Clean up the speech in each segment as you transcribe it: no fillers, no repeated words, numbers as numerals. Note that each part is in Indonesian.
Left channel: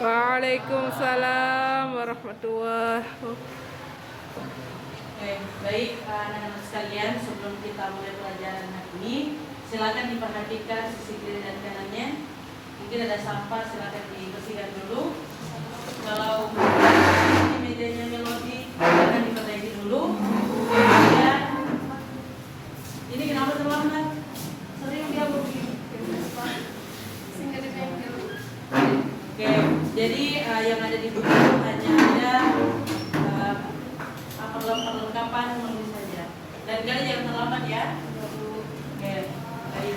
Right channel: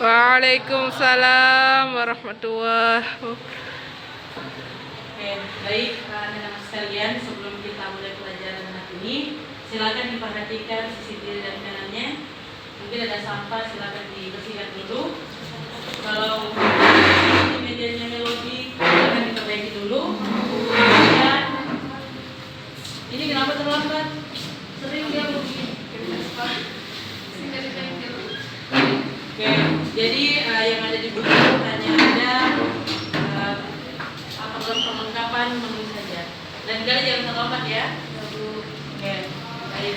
Waalaikumsalam warahmatullahi wabarakatuh. Oke, baik anak-anak sekalian, sebelum kita mulai pelajaran hari ini, silakan diperhatikan sisi kiri dan kanannya. Mungkin ada sampah, silakan dibersihkan dulu. Kalau ini mejanya melodi, silakan diperbaiki dulu. Kemudian, ini kenapa terlambat? Sering ya mungkin. Oke, jadi yang ada di buku hanya ada perlengkapan menulis saja. Dan kalian jangan terlambat ya. Oke, baik.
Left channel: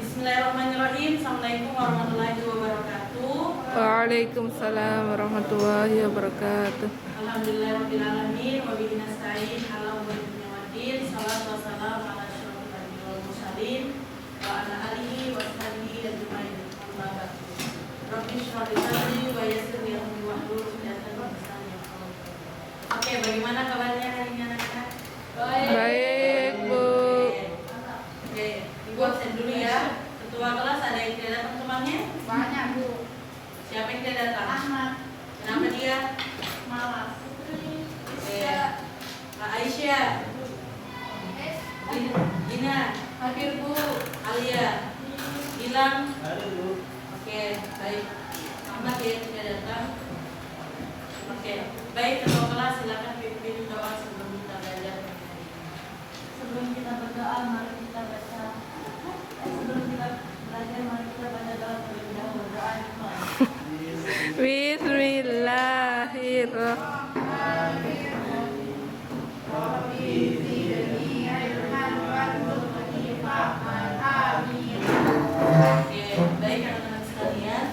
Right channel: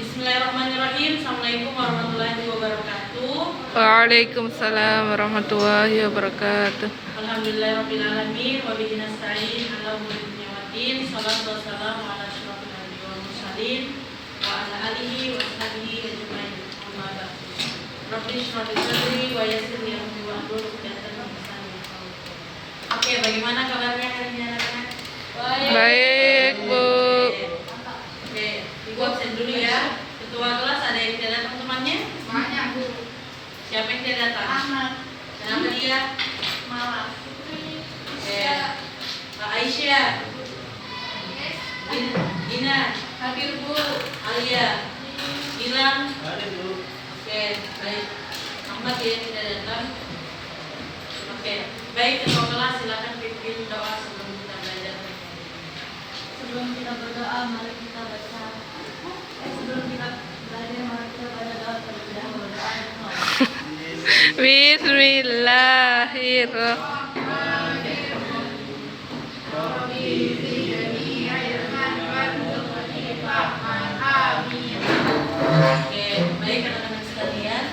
Bismillahirrahmanirrahim. Assalamualaikum warahmatullahi wabarakatuh. Waalaikumsalam warahmatullahi wabarakatuh. Alhamdulillahirabbil alamin wa bihi nasta'in ala umuri dunya waddin. Shallallahu wassalamu ala asyrofil anbiya'i wal mursalin wa ala alihi wa sahbihi ajmain. Amma ba'du. Rabbi shrah li sadri wa yassir li amri wahlul 'uqdatam min lisani yafqahu qawli. Oke, bagaimana kabarnya hari ini anak-anak? Baik, Bu. Oke, Ibu absen dulu ya. Ketua kelas ada yang tidak datang temannya? Banyak, Bu. Siapa yang tidak datang? Ahmad. Kenapa dia? Malas. Oke. Kak Aisyah, Dina, Hadir, Bu. Alia, Gilang. Oke, baik. Ahmad ya tidak datang. Oke, baik. Ketua kelas silakan pimpin doa sebelum kita belajar. Sebelum kita berdoa, mari kita baca. Sebelum kita belajar, mari kita baca doa terlebih dahulu. Berdoa. Bismillahirrahmanirrahim. Oke, baik anak-anak sekalian.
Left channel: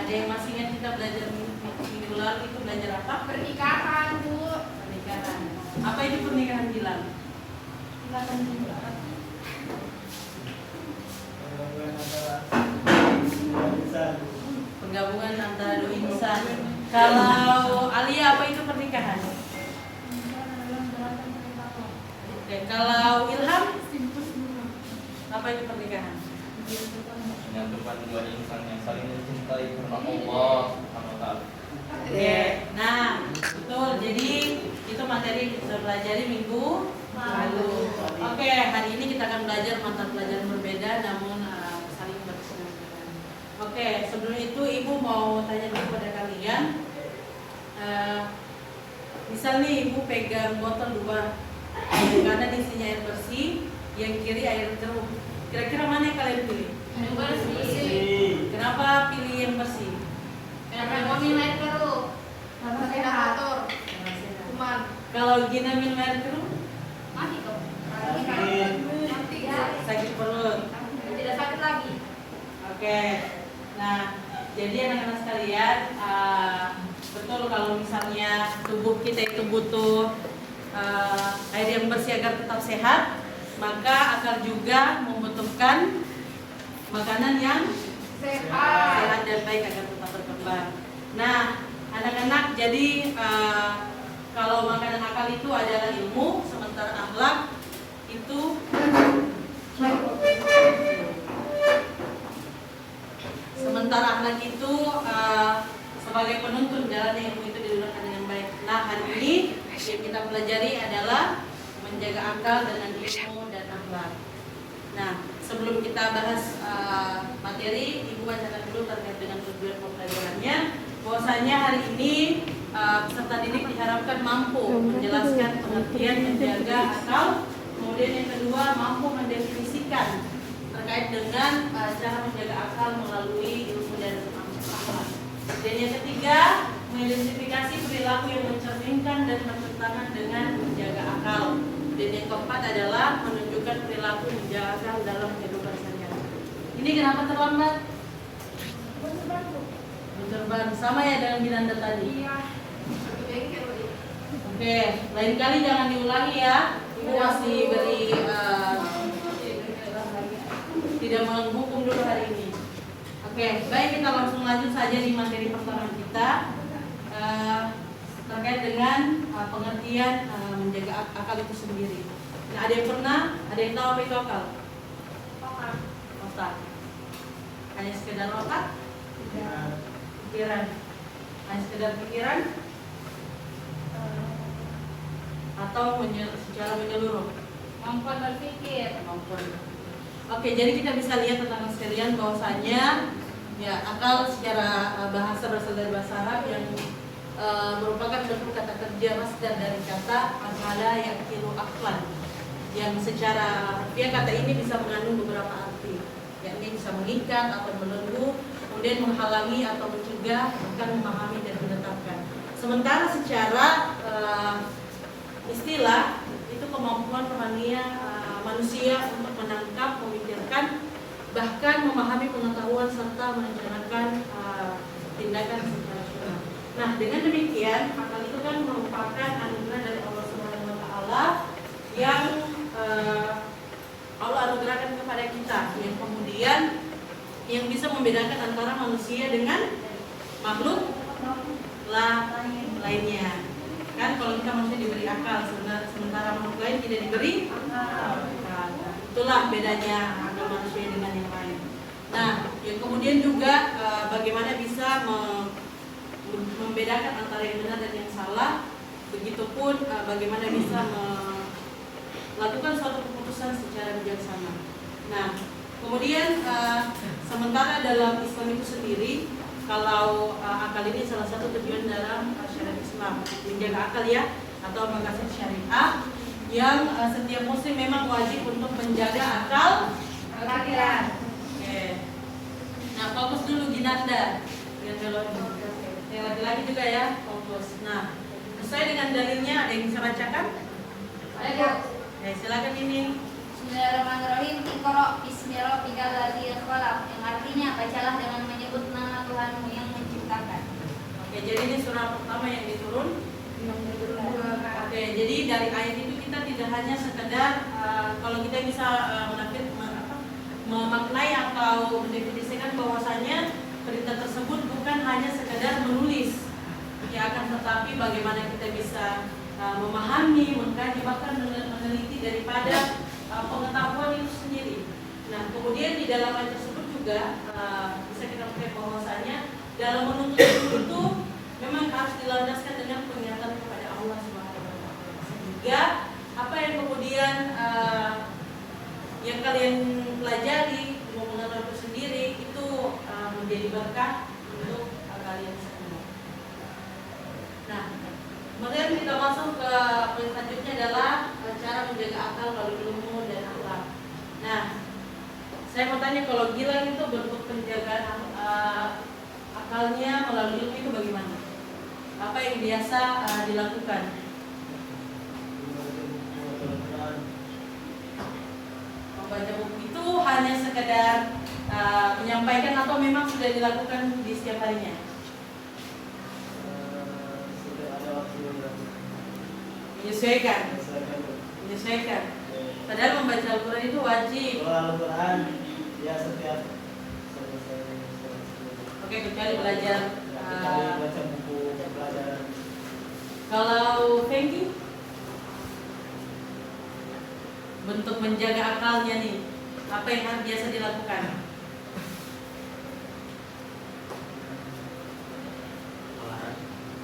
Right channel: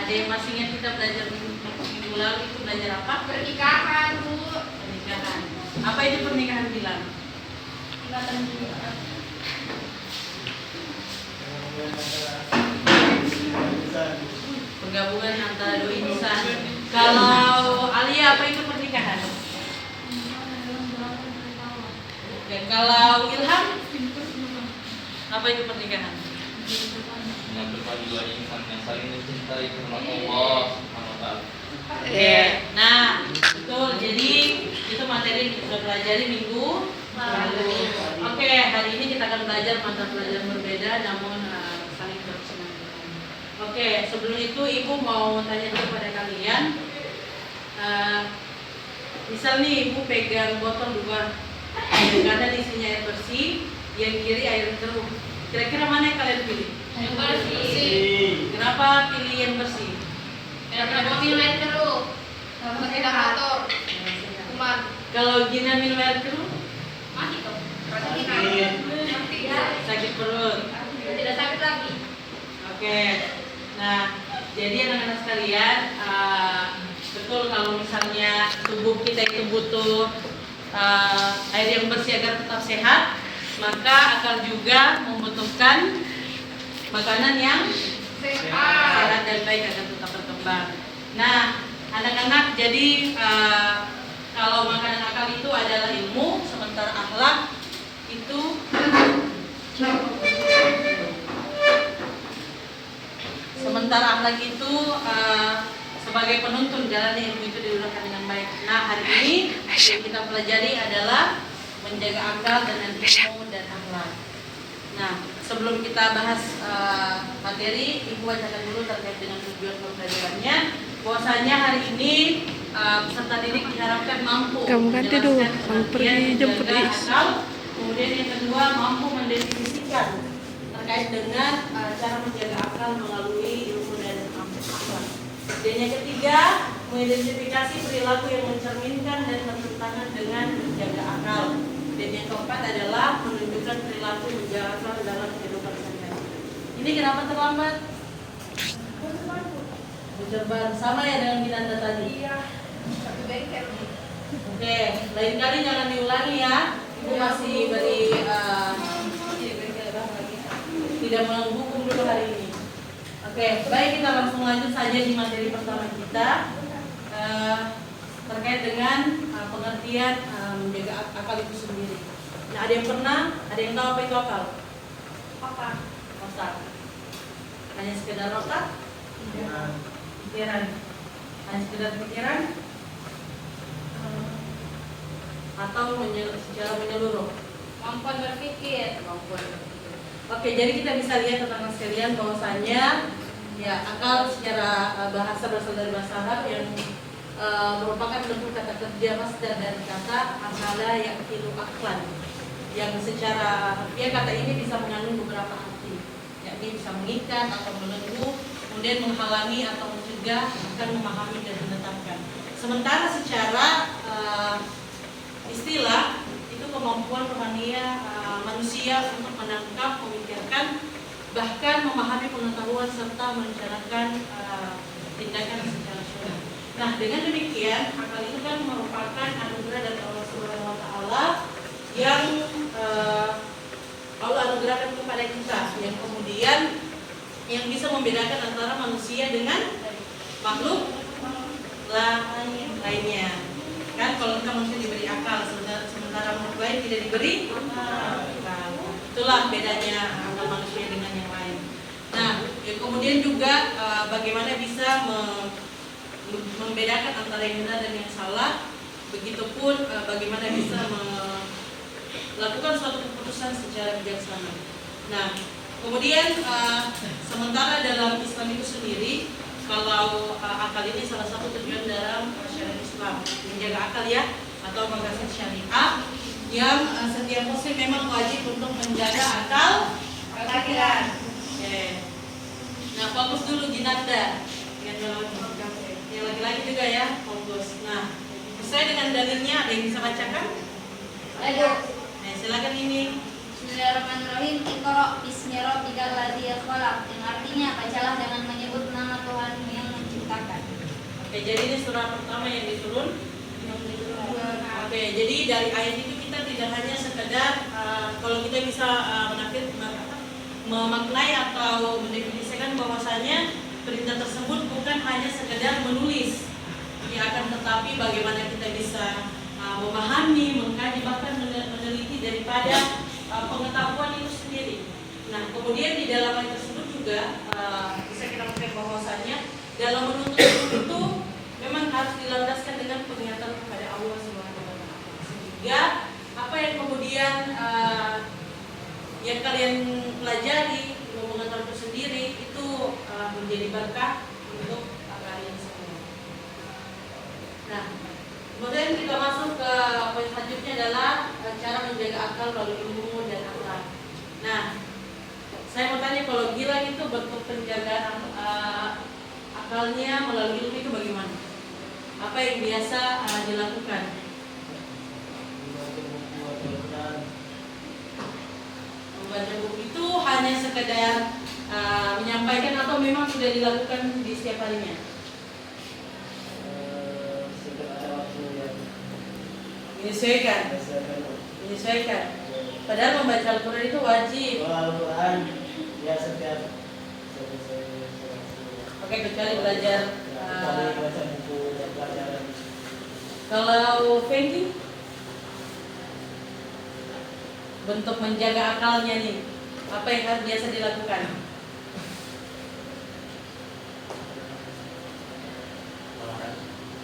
Ada yang masih ingat kita belajar minggu lalu itu belajar apa? Pernikahan, Bu. Pernikahan. Apa itu pernikahan Gilang? Ikatan cinta. Penggabungan antara dua insan. Kalau Alia apa itu pernikahan? Oke, kalau Ilham apa itu pernikahan? Menyatukan dua insan yang saling mencintai karena Allah Subhanahu wa taala. Oke, nah betul. Jadi itu materi yang kita sudah pelajari minggu lalu. Oke, hari ini kita akan belajar mata pelajaran berbeda namun saling berkesinambungan. Oke, sebelum itu Ibu mau tanya dulu pada kalian. Misal nih Ibu pegang botol dua, yang kanan isinya air bersih, yang kiri air keruh. Kira-kira mana yang kalian pilih? Yang bersih. Kenapa pilih yang bersih? Karena kami main terus. Tidak kotor. Cuman. Kalau Gina minum air keruh, Mati dong. sakit perut. Tidak sakit lagi. Oke. Nah, jadi anak-anak sekalian, betul kalau misalnya tubuh kita itu butuh air yang bersih agar tetap sehat, maka akan juga membutuhkan makanan yang sehat dan baik agar tetap berkembang. Nah, anak-anak, jadi kalau makanan akal itu adalah ilmu, sementara akhlak itu sebagai penuntun jalan ilmu itu diluruskan dengan baik. Nah, hari ini yang kita pelajari adalah menjaga akal dengan ilmu dan akhlak. Nah, sebelum kita bahas materi, Ibu bacakan dulu terkait dengan tujuan pembelajarannya. Bahwasanya hari ini peserta didik diharapkan mampu menjelaskan pengertian menjaga akal, kemudian yang kedua mampu mendefinisikan terkait dengan cara menjaga akal melalui ilmu dan akhlak. Dan yang ketiga, mengidentifikasi perilaku yang mencerminkan dan bertentangan dengan menjaga akal. Dan yang keempat adalah menunjukkan perilaku menjaga akal dalam kehidupan sehari-hari. Ini kenapa terlambat? Berban sama ya dengan Ginanda tadi. Iya. Satu bengkel. Oke, lain kali jangan diulangi ya. Ibu masih beri tidak menghukum dulu hari ini. Oke, baik, kita langsung lanjut saja di materi pertama kita terkait dengan pengertian menjaga akal itu sendiri. Nah, ada yang tahu apa itu akal? Otak. Hanya sekedar otak? pikiran. Hanya sekedar pikiran atau secara menyeluruh. Kemampuan berpikir. Kemampuan berpikir. Oke, jadi kita bisa lihat teman-teman sekalian bahwasanya ya akal secara bahasa berasal dari bahasa Arab yang merupakan bentuk kata kerja masdar dari kata akala yang kilu aklan, yang secara harfiah kata ini bisa mengandung beberapa arti, yakni bisa mengikat atau melulu, kemudian menghalangi atau mencegah, bahkan memahami dan menetapkan. Sementara secara istilah itu kemampuan rohania manusia untuk menangkap, memikirkan, bahkan memahami pengetahuan serta merencanakan tindakan secara rasional. Nah, dengan demikian akal itu kan merupakan anugerah dari Allah Subhanahu wa taala yang Allah anugerahkan kepada kita, yang kemudian yang bisa membedakan antara manusia dengan makhluk lainnya. Kan kalau kita manusia diberi akal, sementara makhluk lain tidak diberi akal. Itulah bedanya akal manusia dengan yang lain. Nah, yang kemudian juga bagaimana bisa membedakan antara yang benar dan yang salah. Begitupun bagaimana bisa melakukan suatu keputusan secara bijaksana. Nah, kemudian sementara dalam Islam itu sendiri, kalau akal ini salah satu tujuan dalam syariat Islam, menjaga akal ya, atau mengasihi syariat yang setiap muslim memang wajib untuk menjaga akal pikiran. Nah, fokus dulu jinanda. Yang laki-laki juga ya, fokus. Nah, sesuai dengan dalilnya, ada yang bisa bacakan? Ada. Nah, silakan ini. Bismillahirrahmanirrahim. Iqra bismi rabbikal ladzi khalaq. Yang artinya bacalah dengan menyebut nama Tuhanmu yang menciptakan. Oke, jadi ini surah pertama yang diturun. Oke, jadi dari ayat itu kita tidak hanya sekedar kalau kita bisa memaknai atau mendefinisikan bahwasanya perintah tersebut bukan hanya sekedar menulis, ya, akan tetapi bagaimana kita bisa memahami, mengkaji, bahkan meneliti daripada pengetahuan itu sendiri. Nah, kemudian di dalam ayat tersebut juga bisa kita melihat bahwasanya dalam menuntut itu memang harus dilandaskan dengan pengingatan kepada Allah Subhanahu wa taala. Sehingga apa yang kemudian yang kalian pelajari, ilmu pengetahuan itu sendiri itu menjadi berkah untuk kalian semua. Nah, kemudian kita masuk ke poin selanjutnya adalah cara menjaga akal melalui ilmu dan akhlak. Nah, saya mau tanya, kalau gila itu bentuk penjagaan akalnya melalui ilmu itu bagaimana? Apa yang biasa dilakukan? Membaca buku itu hanya sekedar menyampaikan atau memang sudah dilakukan di setiap harinya? Menyesuaikan. Padahal membaca Al-Quran itu wajib. Al-Quran ya setiap Oke, kecuali belajar. kecuali baca buku pelajaran. Kalau Fengi, bentuk menjaga akalnya nih, apa yang harus biasa dilakukan?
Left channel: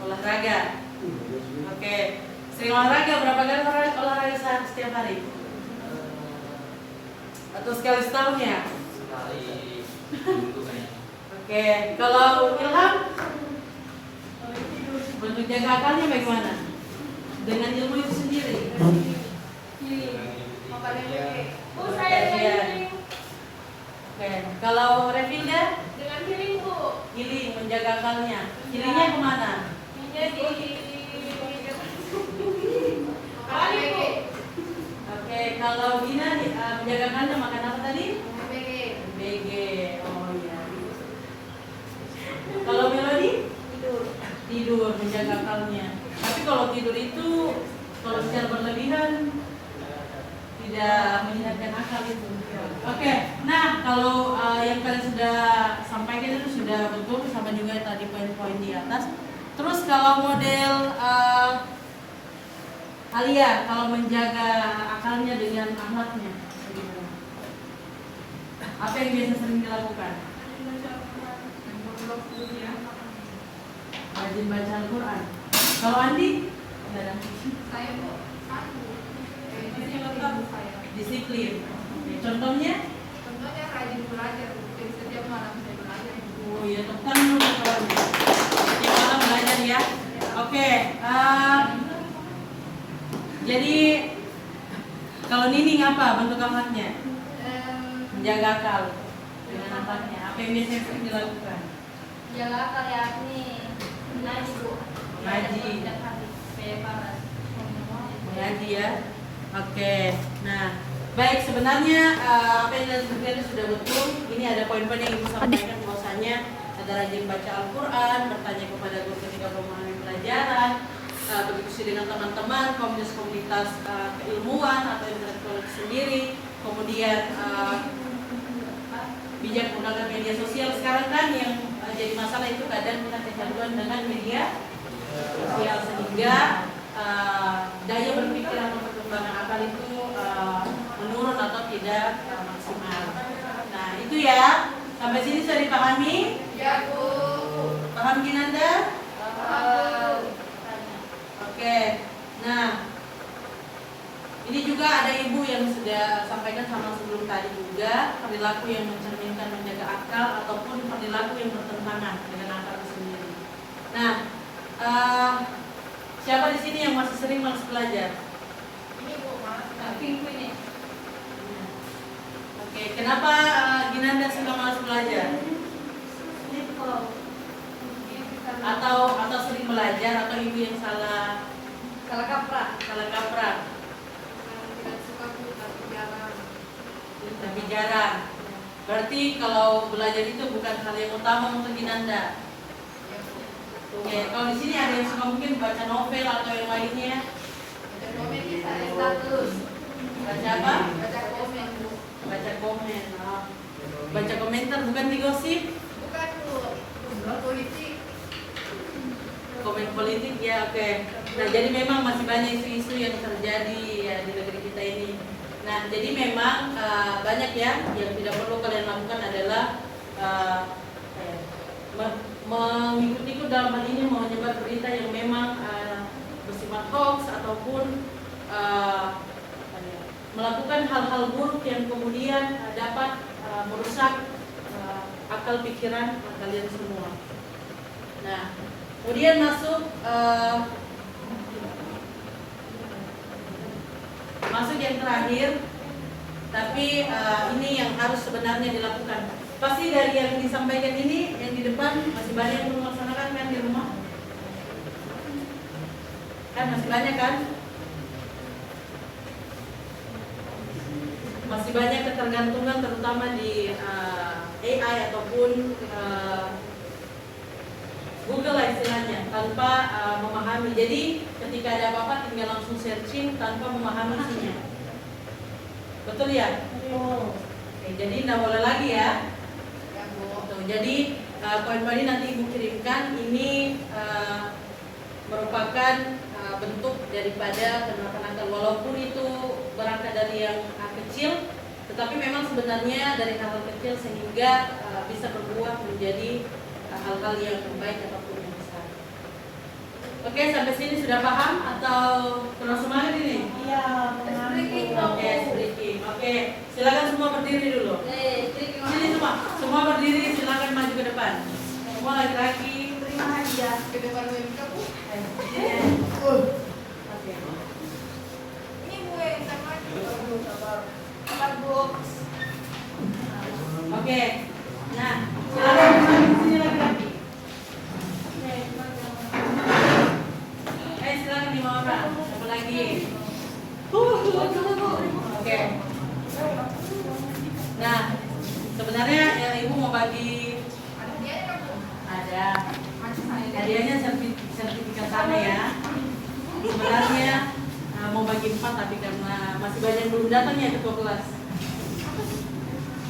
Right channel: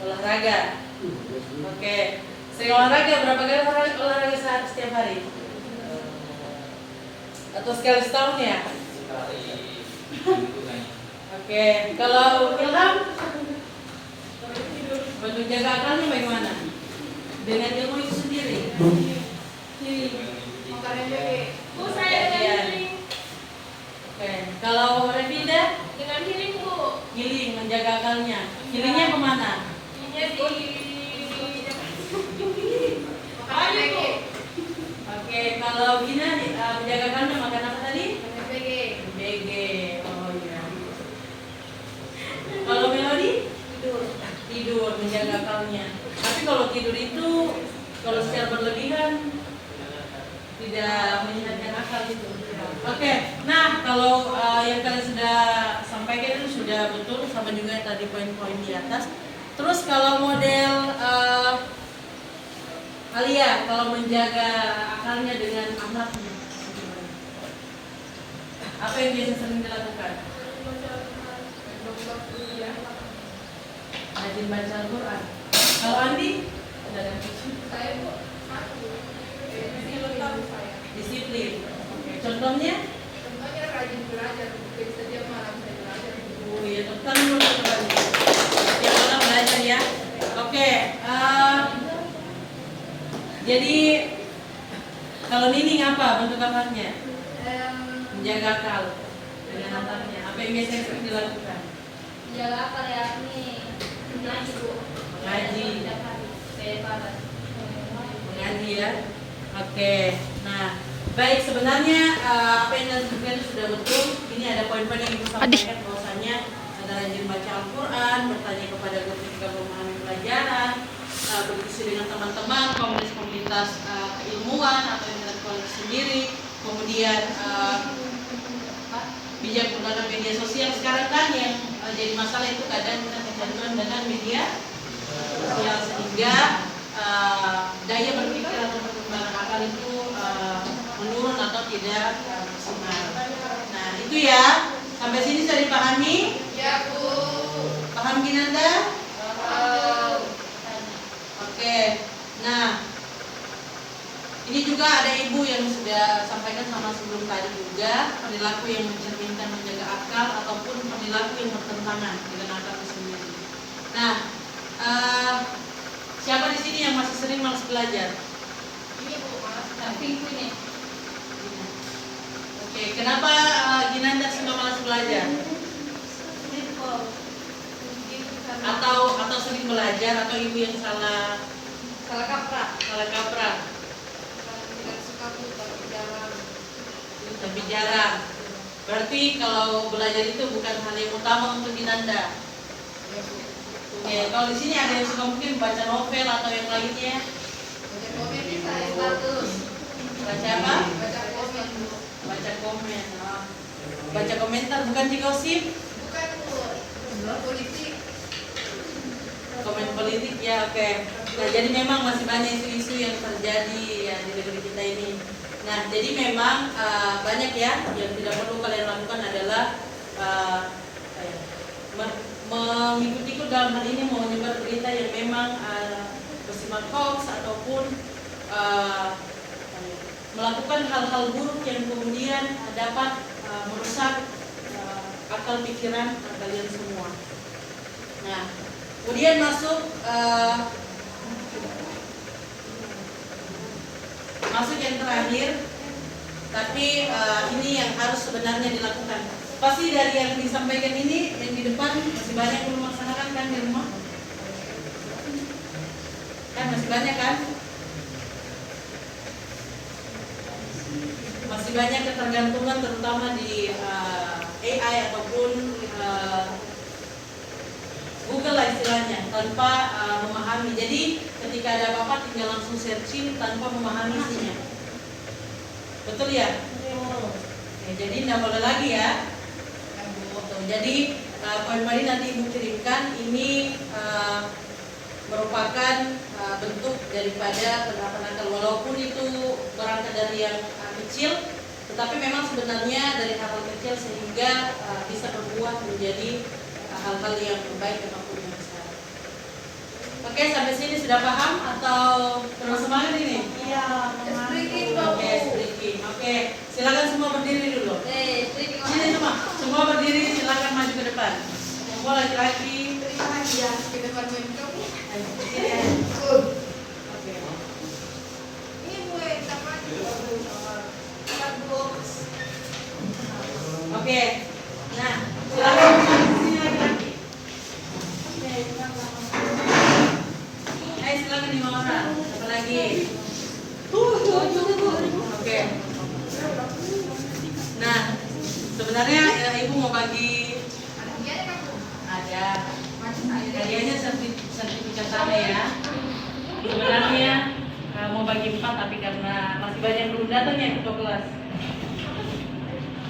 Olahraga. Oke. Sering olahraga, berapa kali olahraga setiap hari? Atau sekali setahun ya? Sekali minggu kayaknya. Oke. Kalau Ilham, bentuk jaga akalnya bagaimana? Dengan ilmu itu sendiri. Kajian. Oke. Kalau Revinda? Dengan healing, Bu. Healing, menjaga akalnya. Healingnya kemana? Oke, kalau Gina menjaga kandang makan apa tadi? BG. Oh iya. Kalau Melody? Tidur, menjaga akalnya. Tapi kalau tidur itu kalau secara berlebihan tidak menyehatkan akal itu. Oke, nah kalau yang kalian sudah sampaikan itu sudah betul, sama juga tadi poin-poin di atas. Terus kalau model Alia, kalau menjaga akalnya dengan akhlaknya, apa yang biasa sering dilakukan? rajin baca Al-Quran. Kalau Andi? Saya kok Disiplin. Oke. Contohnya? contohnya rajin belajar, jadi setiap malam saya belajar. Oh iya, tentang dulu kawannya. Oke, malam belajar ya. Oke. Jadi kalau Nining apa bentuk amalnya? Menjaga akal dengan antaranya. Apa yang biasanya sering dilakukan? Jaga akal ya ini ngaji bu. Ngaji. Bebas. Mengaji ya. Oke. Nah, baik, sebenarnya apa yang saya sebutkan itu sudah betul. Ini ada poin-poin yang ibu sampaikan bahwasanya ada rajin baca Al-Quran, bertanya kepada guru ketika memahami pelajaran, berdiskusi dengan teman-teman, komunitas keilmuan atau intelektual itu sendiri, kemudian bijak menggunakan media sosial. Sekarang kan yang jadi masalah itu kadang kita kecanduan dengan media sosial sehingga daya berpikir atau perkembangan akal itu menurun atau tidak maksimal. Nah itu ya, sampai sini sudah dipahami? Ya bu. Paham Ginanda? Oke. Nah ini juga ada ibu yang sudah sampaikan sama sebelum tadi juga, perilaku yang mencerminkan menjaga akal ataupun perilaku yang bertentangan dengan akal itu sendiri. Nah, siapa di sini yang masih sering malas belajar? Ini bu mas. Tapi ini. Oke, kenapa Ginanda suka malas belajar? Atau sering belajar atau ibu yang salah kaprah? Tidak suka bu, tapi jarang. Tapi jarang. Berarti kalau belajar itu bukan hal yang utama untuk Ginanda. Ya bu. Oke, kalau di sini ada yang suka mungkin baca novel atau yang lainnya. Baca komen saya status. Baca apa? Baca komen bu. Baca komen. Baca komentar bukan di gosip. Bukan bu. Politik. Komen politik ya, oke. Nah, jadi memang masih banyak isu-isu yang terjadi ya di negeri kita ini. Nah, jadi memang banyak ya yang tidak perlu kalian lakukan adalah mengikut-ikut dalam hal ini, mau menyebar berita yang memang bersifat hoax ataupun melakukan hal-hal buruk yang kemudian dapat merusak akal pikiran kalian semua. Nah, kemudian masuk yang terakhir, tapi ini yang harus sebenarnya dilakukan. Pasti dari yang disampaikan ini, yang di depan masih banyak yang melaksanakan kan di rumah? Kan masih banyak kan? Masih banyak ketergantungan terutama di AI ataupun Google lah istilahnya, tanpa memahami. Jadi ketika ada apa-apa tinggal langsung searching tanpa memahami isinya. Betul ya? Oke, jadi tidak boleh lagi ya. Jadi poin-poin nanti ibu kirimkan ini merupakan bentuk daripada penerapan akal, walaupun itu berangkat dari yang kecil, tetapi memang sebenarnya dari hal-hal kecil sehingga bisa berbuah menjadi hal-hal yang baik ataupun yang besar. Oke, sampai sini sudah paham atau terus semangat ini? Iya, Oke, sedikit. Oke, silakan semua berdiri dulu. Sini semua berdiri, silakan maju ke depan. Semua laki-laki. ke depan kamu. Oke. Ini bu yang sama Oke. Nah, silakan sini laki-laki. Silakan 5 orang. Satu lagi. Oke. Nah, sebenarnya ibu mau bagi ada hadiahnya sertifikat sana ya. Sebenarnya mau bagi 4 tapi karena masih banyak yang belum datang ya ketua kelas.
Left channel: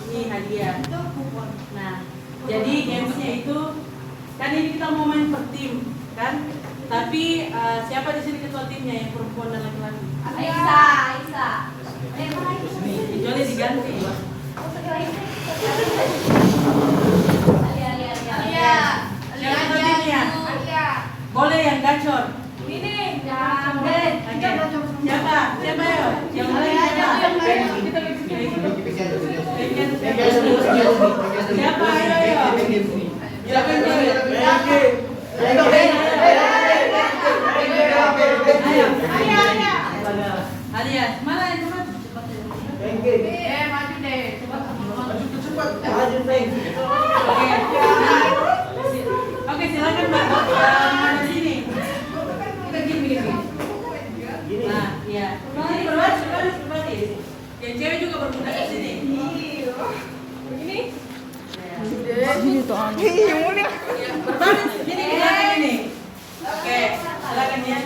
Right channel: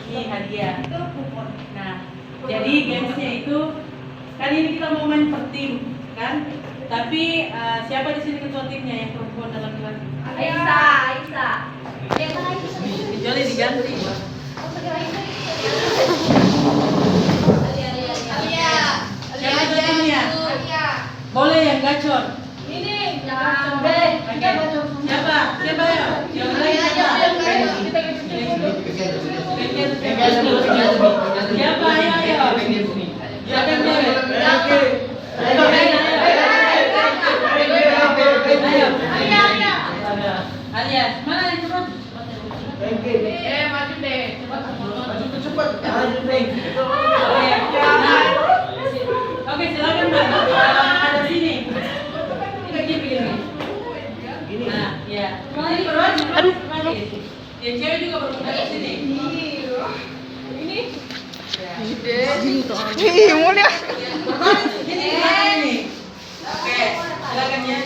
Ini hadiah. Nah, jadi gamesnya itu kan ini kita mau main per tim kan? Tapi siapa di sini ketua timnya yang perempuan dan laki-laki? Aisyah. Kecuali diganti. Siapa ketua timnya? Ih, mulia. Berbaris, ini di belakang ini. Oke, silakan ya.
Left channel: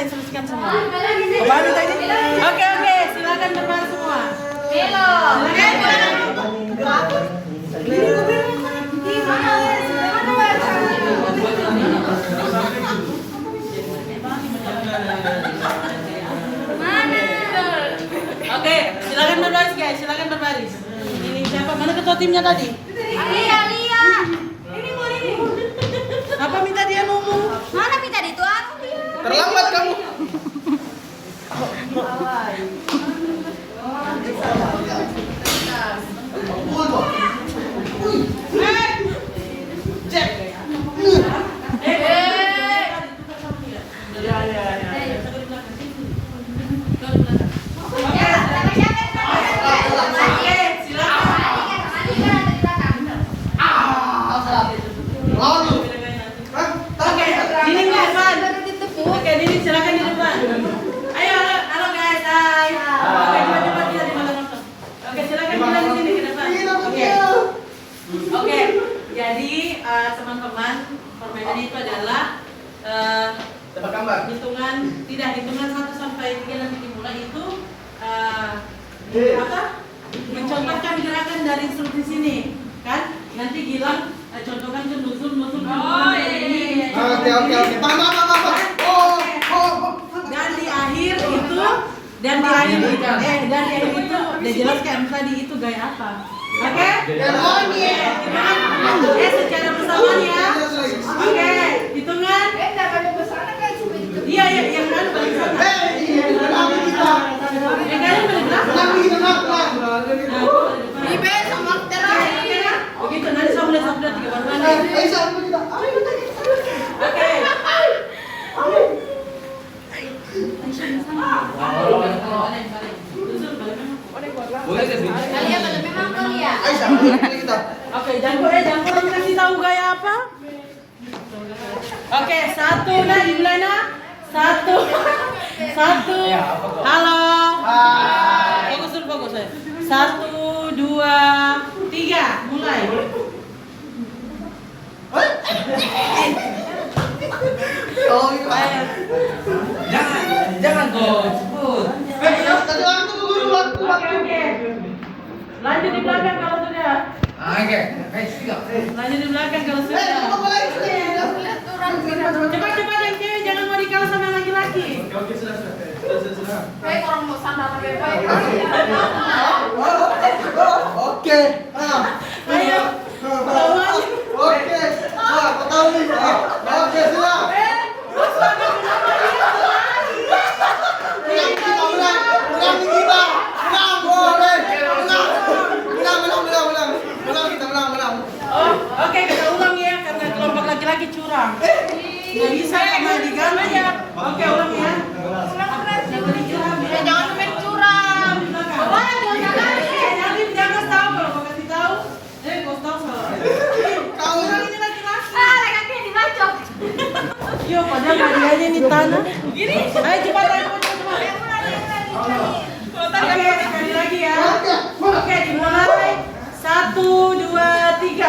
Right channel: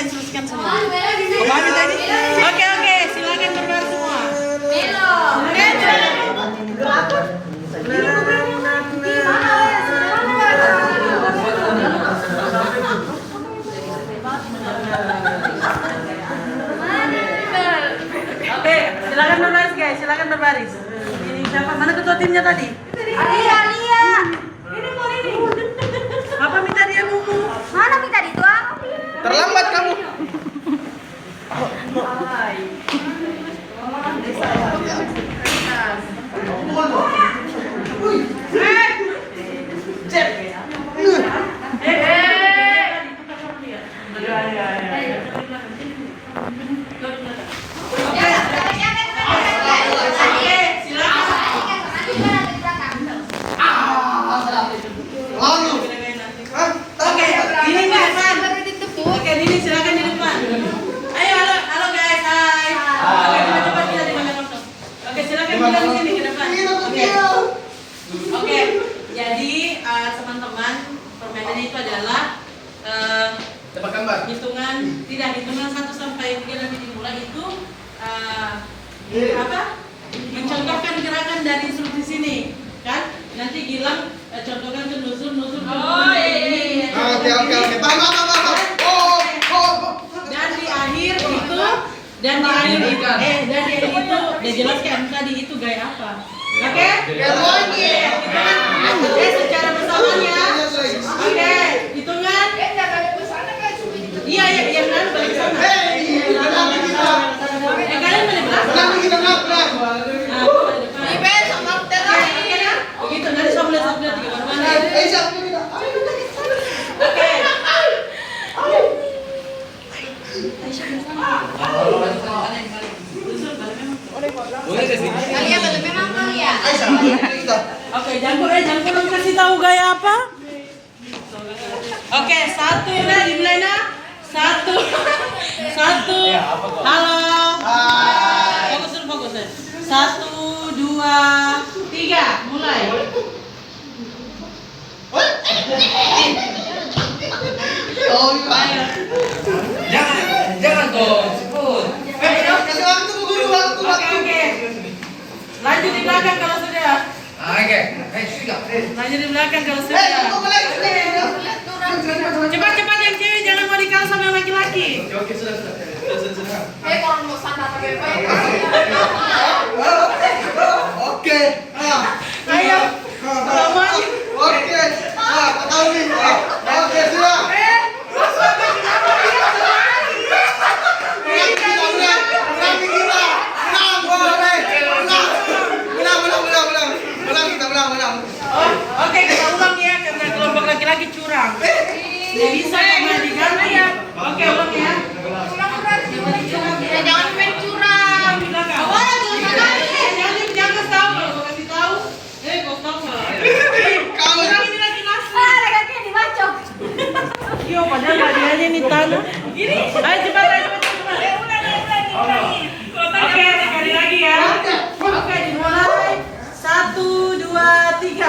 Instruksikan semua. Oke, silakan berbaris semua. Oke, silakan berbaris guys, silakan berbaris. Ini siapa? Mana ketua timnya tadi? Alia. Ini. Apa minta dia ngomong? Mana minta dituang? Terlambat kamu. Oke, Dini silakan di depan. Ayo, halo guys, hai. Oke, coba kita di makan waktu. Oke, silakan kita di sini ke depan. Oke, jadi teman-teman, permainan itu adalah Tebak gambar. hitungan 1 sampai 3 nanti dimulai itu mencontohkan gerakan dari instruksi sini, kan? Nanti Gilang contohkan ke nusuk. Oh iya. Oke. Dan di akhir itu dia jelaskan tadi itu gaya apa. Oke? Secara bersamaan ya. Oke, hitungan. Iya, yang kan balik sana. Kalian balik belakang. Begitu, nanti saya boleh sabda 3 baru. Oke. Boleh ke sini? Oke, jangkau nanti kasih tahu gaya apa? Oke, 1 dah dimulai nah. 1. Halo. Fokus. 1, 2, 3, mulai. Jangan dong, cepet. Oke. Lanjut di belakang kalau sudah. Oke, Lanjut di belakang kalau sudah. Cepat yang cewek, jangan mau dikalah sama laki-laki. Oke, sudah. Oke. Ayo. Semuanya. Oke. Kau tahu nih. Oke, sudah. Oke, kita ulang ya karena kelompok laki-laki curang. Nggak bisa karena diganti ya. Oke, ulang ya. Jangan main curang. Di belakang. Jangan tahu kalau mau kasih tahu. Kau tahu salah. Kau Curang ini laki-laki. Laki-laki Kyo padahal hadiahnya nih Tan. Gini. Ayo cepat. Oke, sekali lagi ya. Oke, dimulai. 1, 2, 3.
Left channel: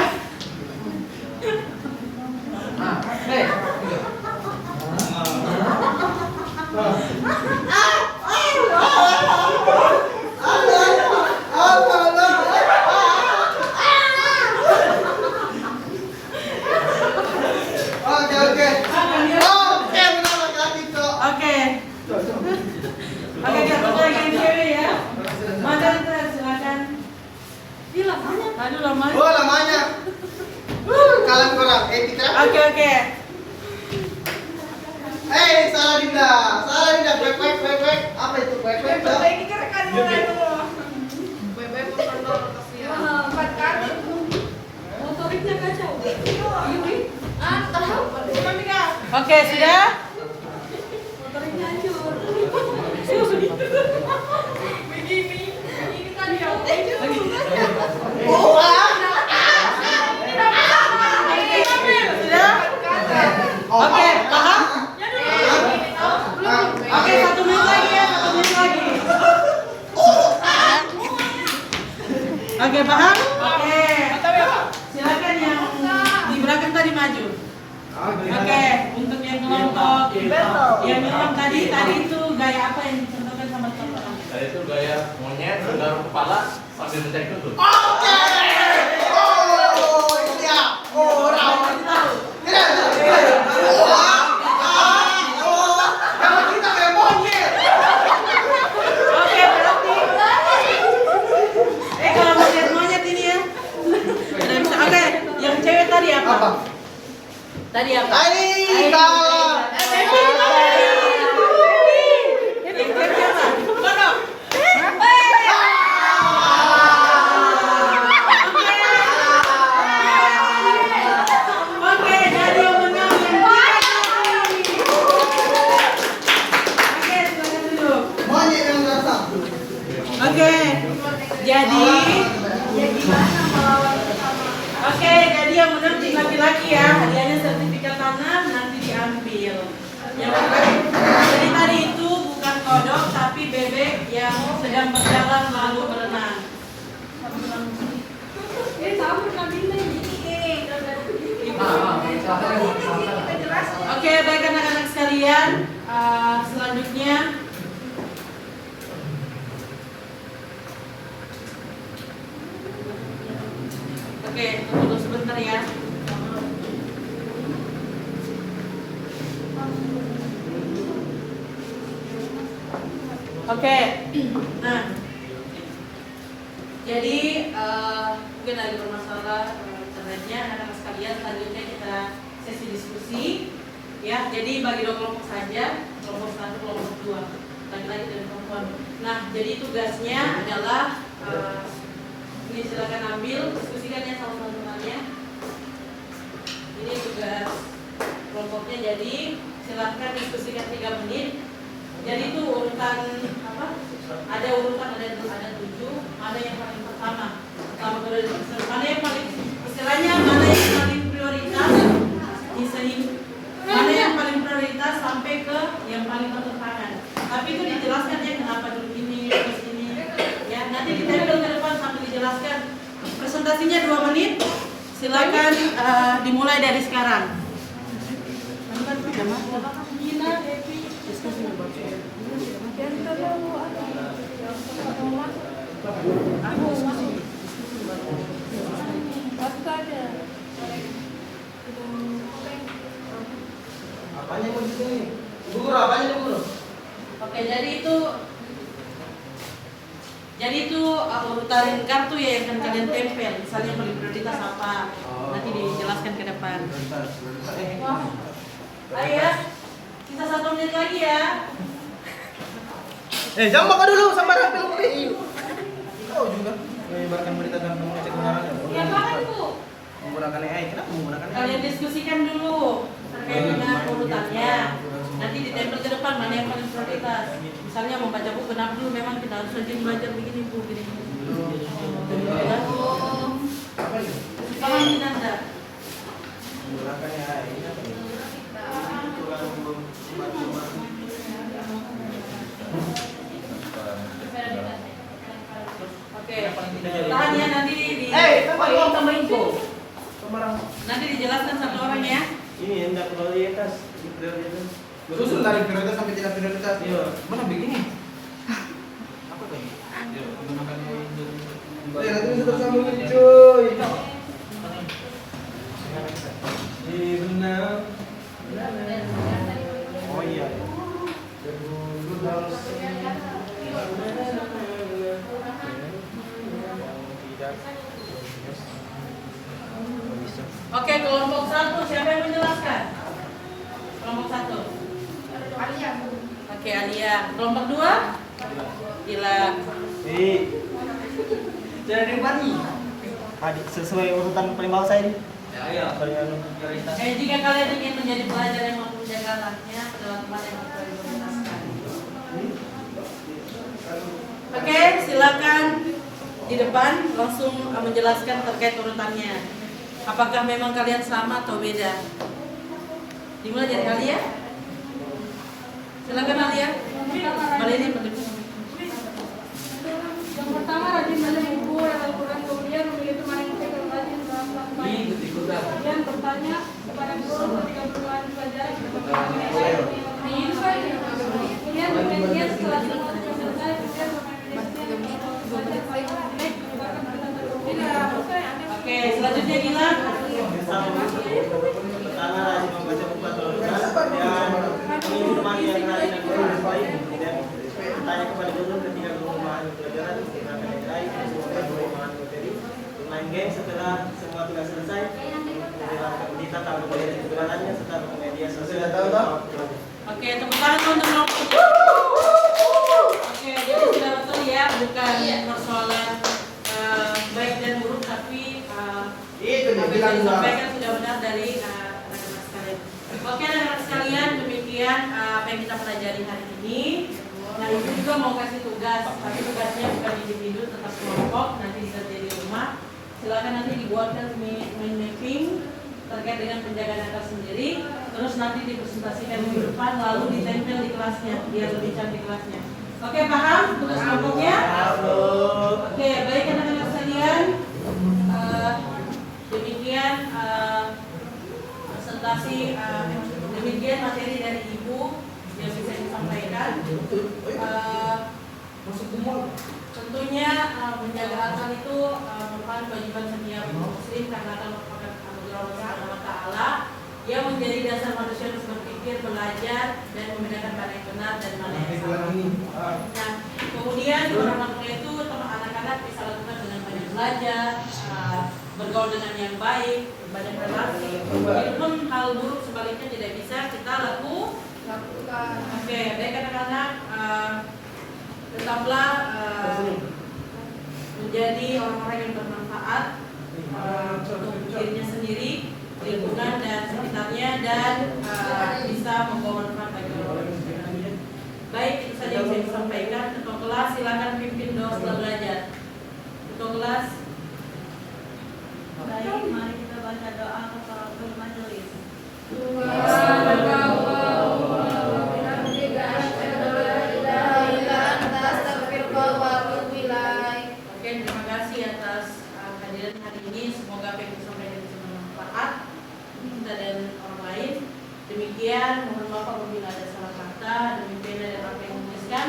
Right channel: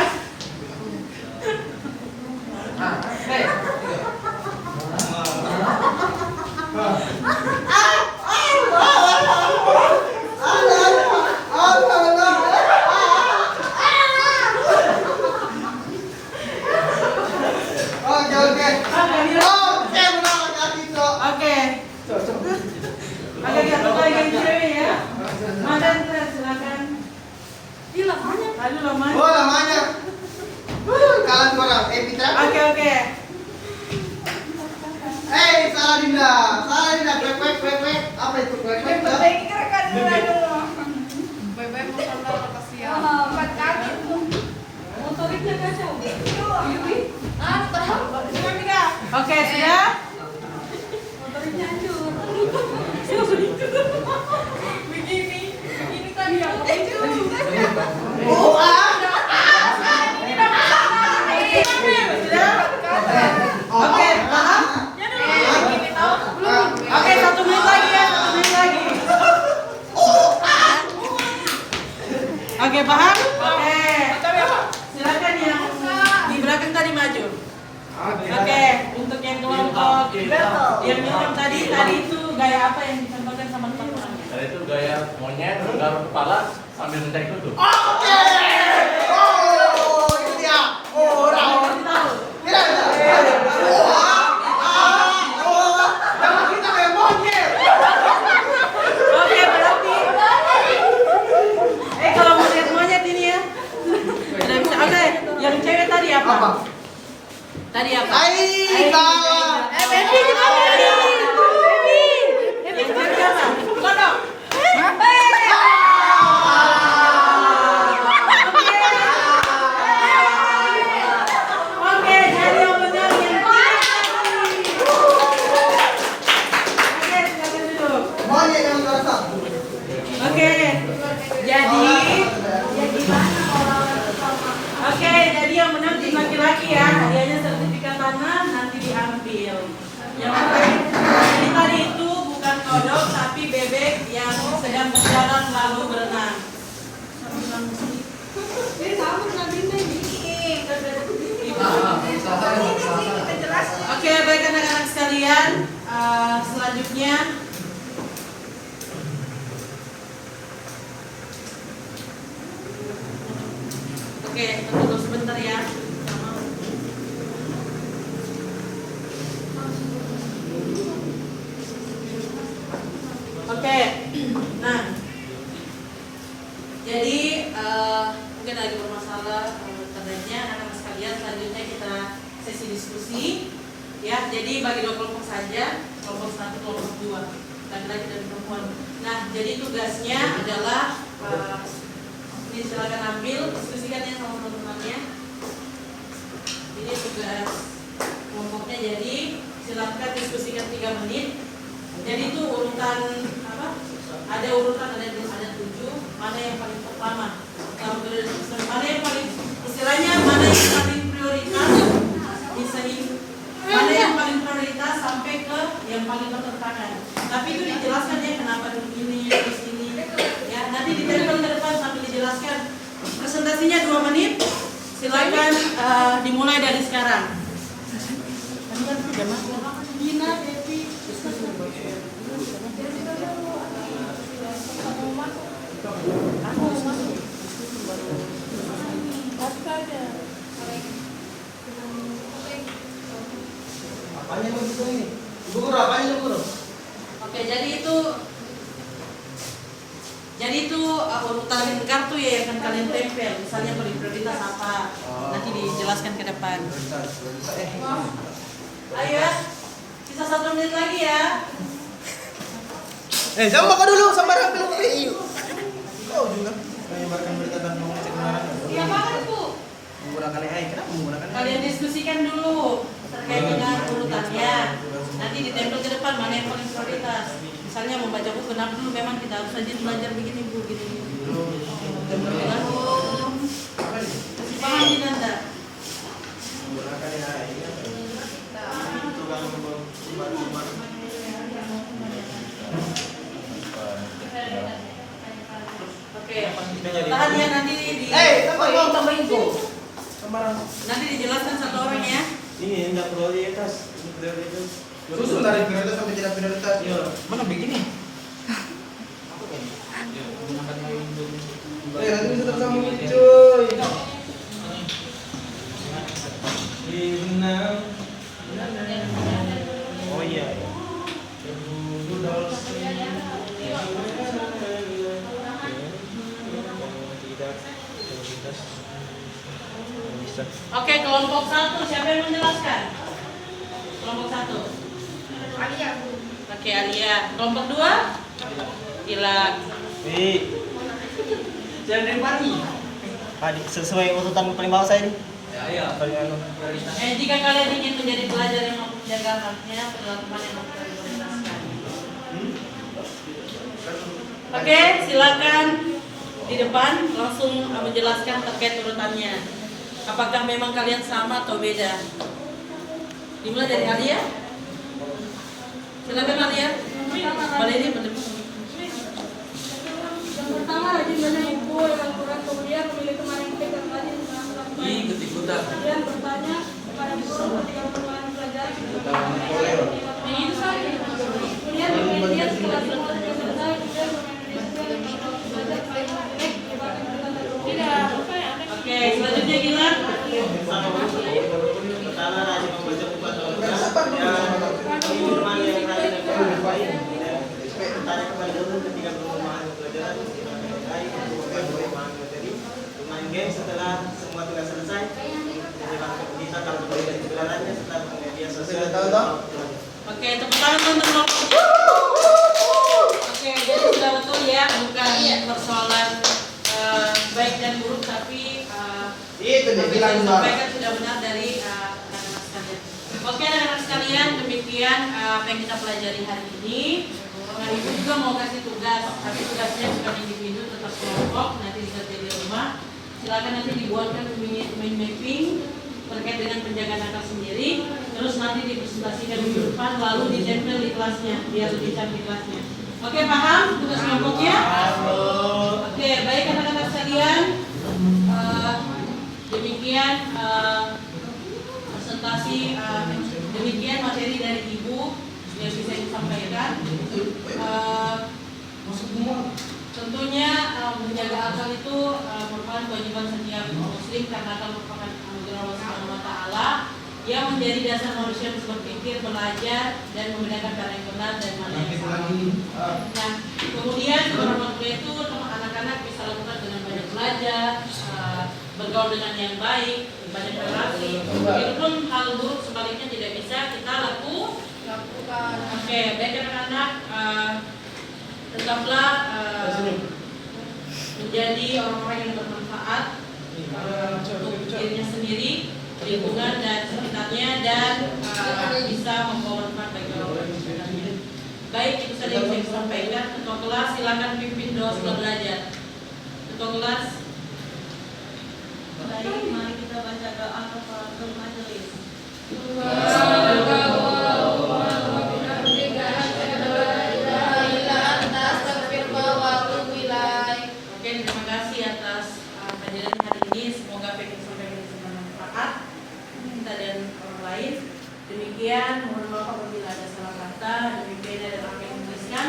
Oke, kita lagi yang cewek ya. Madan silakan. Ini lamanya. Aduh lamanya. Oh, lamanya. Kalian kurang. Pitra. Oke. Salah Dinda. Kwek. Apa itu kwek? Ini rekan mulai dulu. Bye-bye bersama kasihan. Motoriknya kacau. Yuri. Tahu. Oke, sudah? Motoriknya hancur. Begini kan yang Oke, paham? Oke, 1 menit lagi ya, 1 menit lagi. Oke, paham? Oke. Silakan yang di belakang tadi maju. Oke, untuk yang kelompok yang nyolong tadi itu gaya apa yang dicontohkan sama teman-teman? Itu gaya monyet menggaruk kepala sambil mencari kutu. Oke. Oh, ini dia. Oh, rawan. Tidak. Kalau kita kayak monyet. Oke, berarti kalau mau lihat monyet ini ya. Oke, yang cewek tadi apa? Tadi apa? Aika. Yang cewek apa? Kodok. Oke, jadi yang menang yang Oke, silakan duduk. Monyet yang terasa. Oke, jadi jadi yang menang tim laki-laki ya. Hadiahnya sertifikat tanah nanti diambil. Jadi tadi itu bukan kodok tapi bebek yang sedang berjalan lalu berenang. Oke, baik anak-anak sekalian, selanjutnya oke, tunggu sebentar ya. Oke, nah, jadi mungkin lagi bermasalah internetnya, anak-anak sekalian. Selanjutnya kita sesi diskusi, ya. Jadi bagi 2 kelompok saja, kelompok 1, kelompok 2, laki-laki dan perempuan. Nah, jadi tugasnya adalah ini silakan ambil, diskusikannya sama teman-temannya. Ini tugas kelompoknya, jadi silakan diskusikan 3 menit. Jadi itu urutan apa? Ada urutan, ada 7. Mana yang paling pertama? Mana yang paling istilahnya mana yang paling prioritas? Mana yang paling prioritas sampai ke yang paling bertentangan. Tapi itu dijelaskan ya kenapa dulu ini, terus ini. Ya, nanti ditempel ke depan sambil dijelaskan. Presentasinya 2 menit. Silakan dimulai dari sekarang. Apanya begitu ini? Ibu guru, apanya Ibu guru? Oke, jadi itu urutan kartu ya yang akan kalian tempel. Misalnya prioritas apa, nanti dijelaskan ke depan. Ayo ya, sisa 1 menit lagi ya. Jangan makan dulu, sambar ambil kopi. Kau juga menyebarkan berita dan mengecek kebenarannya. Iya banget Bu. Menggunakan AI, kenapa menggunakan AI? Kalian diskusikan dulu terkait dengan urutannya. Nanti ditempel ke depan mana yang paling prioritas. Misalnya membaca buku, kenapa dulu memang kita harus rajin belajar begini Bu, gini. Paham ini Nanda? Menggunakan AI. Tahan ya, nanti tambah info. nanti dijelaskan satu orang ya. Ini enggak prioritas, ini prioritas. Susun dari prioritas sampai tidak prioritas. Iya. Mana begini? Apa kan? Ya, belum makan yang belum. Nanti tetap sama cuy. Oh iya. Oke, kelompok 1 siapa yang menjelaskan? Kelompok 1. Oke, Alia. Kelompok 2? Gila. Jangan dipani. Tadi sesuai urutan paling bawah saya nih. Ya, Jika kalian ingin menjadi pelajar yang mampu menjaga amanatnya, adalah teman yang mampu prioritaskan. Oke, silakan di depan langsung menjelaskan terkait urutannya. Apakah memang kalian sama atau beda? Dimulai dari Alia. Silakan Alia. Boleh ini Yang pertama rajin membaca buku Al-Quran, kemudian memilih teman yang dekat dan rajin berakhlak baik. Kemudian bertanya kepada guru ketika berbahan belajar. Kemudian bermedia setelah semua tugas selesai, kemudian memediasikan waktu belajar paling baik menyebarkan berita terbaru. Oke, selanjutnya Gila. Pertama rajin membaca buku atau tugas. Ini teman yang rajin dan baik. Bertanya kepada guru ketika belum memahami pelajaran, menggunakan AI untuk memahami materi. Bermain game setelah semua tugas selesai. Menjalankan berita tanpa melihat kebenarannya serta media sosial. Oke, tepuk tangan untuk kelompok. Oke, jadi sudah betul ya, bukan persoalan baik dan buruk, tapi Itu dia apa yang bilang, Mbak. disampaikan sudah benar dari anak-anak sekalian. Oke, anak-anak sekalian, demikian apa yang kita pelajari hari ini. Nah, Ibu juga mau kasih tugas, tapi tugasnya bukan individu, tetap kelompok, nanti dikerjain di rumah. Silakan nanti dibuatkan mind mapping terkait dengan penjagaan akal sendiri, terus nanti dipresentasikan di depan, lalu ditempel di kelasnya, biar lebih cantik kelasnya. Oke, paham tugas kelompoknya? Oke, baik anak-anak sekalian. Demikian presentasi, demikian materi dari Ibu yang bisa disampaikan. Tentunya menjaga akal itu merupakan kewajiban setiap muslim karena akal merupakan anugerah Allah Subhanahu wa taala yang menjadi dasar manusia untuk berpikir, belajar dan membedakan mana yang benar dan mana yang salah. Nah, kemudian beberapa kuliah itu anak-anak bisa lakukan dengan banyak belajar, bergaul dengan yang baik, banyak relasi. Walaupun hal buruk sebaliknya tidak bisa kita lakukan. Oke, baik anak-anak, tetaplah menjadi orang-orang yang bermanfaat untuk dirinya sendiri, lingkungan dan sekitarnya, dan bisa membawa manfaat bagi orang sekitarnya. Baik, itu saja yang saya sampaikan. Ketua kelas silakan pimpin doa setelah belajar. Ketua kelas. Baik, mari kita baca doa kafaratul majelis. Oke, terima kasih atas kehadiran hari ini. Semoga apa yang disampaikan bisa bermanfaat kita dan orang lain. Demikian, mohon maaf apabila ada salah kata. Demikian ada yang menuliskan.